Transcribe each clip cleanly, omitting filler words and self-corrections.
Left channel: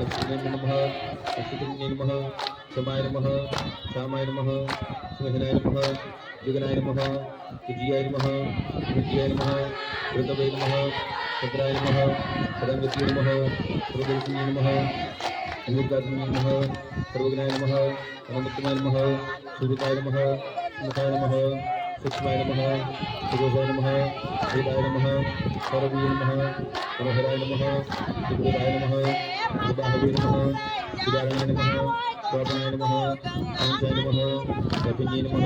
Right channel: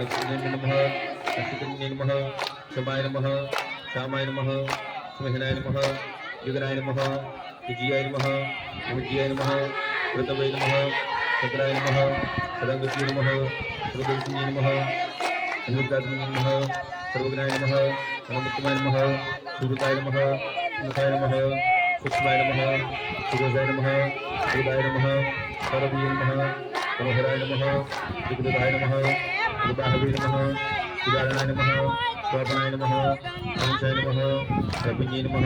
लक्ष्मीनाय नमः लक्ष्मीनाय नमः शमाय नमः श्यामाय नमः स्महनाय नमः विघ्नाय नमः विजयाय नमः विजयाय नमः ऋतवे नमः चक्राय नमः सरस्वती नमः सर्वदर्शिनी नमः अनिरुद्धात्मने नमः सर्वज्ञाय नमः अनन्तमाय नमः सूर्याय नमः मुखाय नमः सूक्ष्माय नमः सुगोजाय नमः वेदाय नमः सर्ववीय नमः मनोहराय नमः सुकृताय नमः सुदाहवे नमः सुदारणाय नमः स्वादनाय नमः पंचाय नमः रपिञ्जे नमः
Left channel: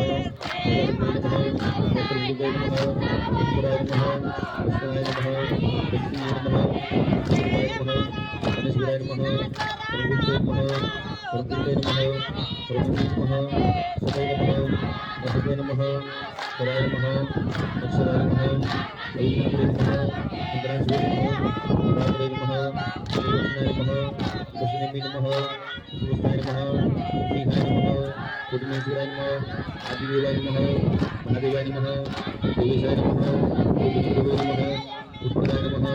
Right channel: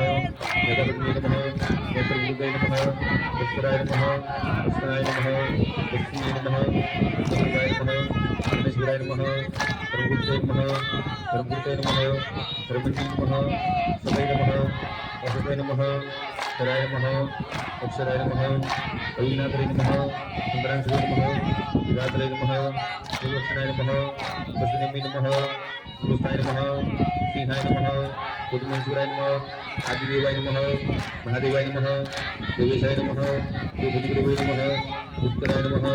जगन्नाय नमः नेत्रविदुदाय नमः पुष्कराय नमः पुष्कराय नमः लक्ष्मीये नमः सुकृताय नमः गणेश्वराय नमः सर्वगुप्ते नमः सर्वगुप्ते नमः सर्वज्ञे नमः सदाय नमः वसुदेव नमः सराय नमः अक्षराय नमः अयिनाथरे नमः सुंदरांशवे नमः रात्रे नमः सुदर्शनाय नमः वसुदेवी नमः कृष्णाय नमः सिंहाय नमः कुटुमेश्वराय नमः आदिदेवाय नमः महादेवाय नमः देवेशाय नमः योगीगुरवे नमः उत्तराय नमः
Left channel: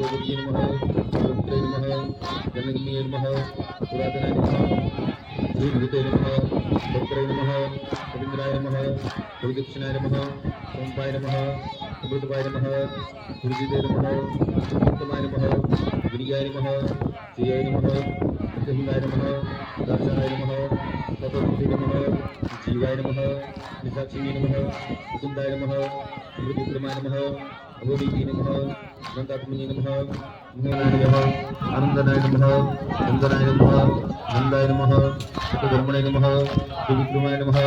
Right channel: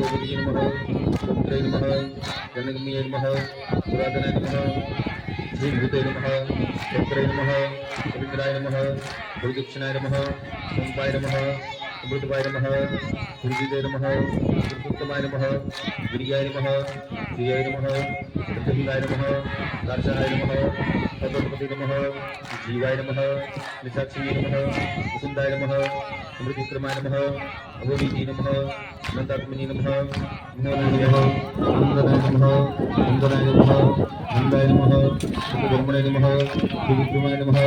योगीय नमः रुद्राय नमः जनगमनीय नमः पुरातनाय नमः श्रीभूते नमः चक्राय नमः रवीन्द्राय नमः हरिदक्षिणाय नमः संताय नमः अमृतवाय नमः हृदिदे नमः उत्तमाय नमः गिरियाय नमः श्रियाय नमः प्रत्यहिंगाय नमः दर्शनाय नमः तत्पति नमः जीवाय नमः निशाक्षिये नमः वसुन्दाय नमः अमृतविक्रमाय नमः अभोनीति नमः अनन्तात्मने नमः नमः नन्दनाय नमः नन्दनाय नमः नन्दाय नमः सुब्रह्मण्य नमः सुविक्रमाय नमः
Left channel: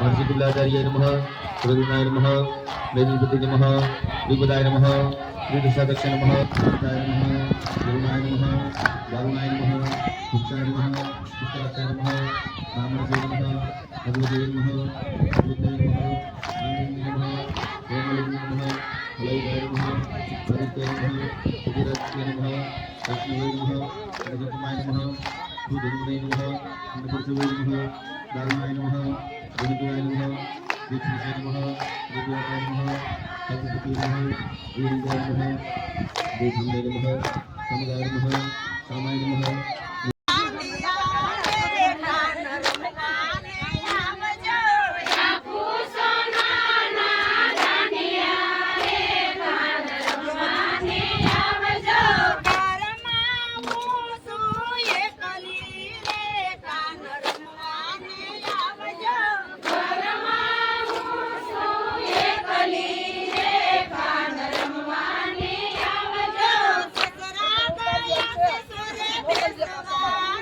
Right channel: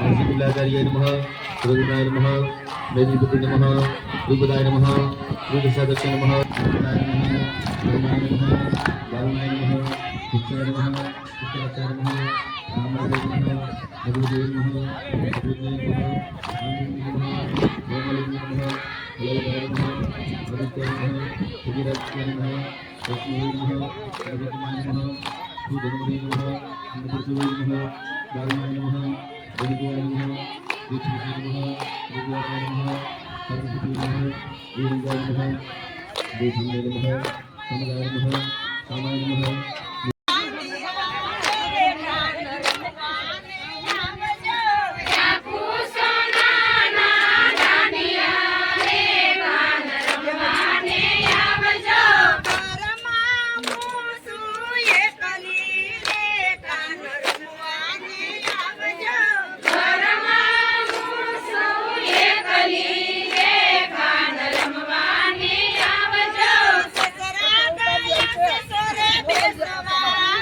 महर्षिकुलाचार्याय नमः सुरगुणाय नमः मेदिनीपति नमः विपदाय नमः विदशादक्ष नमः विदाय नमः गुरुनाय नमः बालनाय नमः शिक्षाय नमः शिक्षाचार्य नमः रामाय नमः भगवते नमः विद्याय नमः आनंद नमः गोमलिंग नमः हलवाय नमः आदित्याय नमः सुगिराज्याय नमः लक्ष्मीये नमः रजतमाय नमः सुधन्वये नमः अन्नपुरुषवे नमः बालनाय नमः गणिताय नमः दीक्षिताय नमः विद्याय नमः सरस्वती नमः वीरजाय नमः देशाय नमः समुदाय नमः सामाय नमः Bye.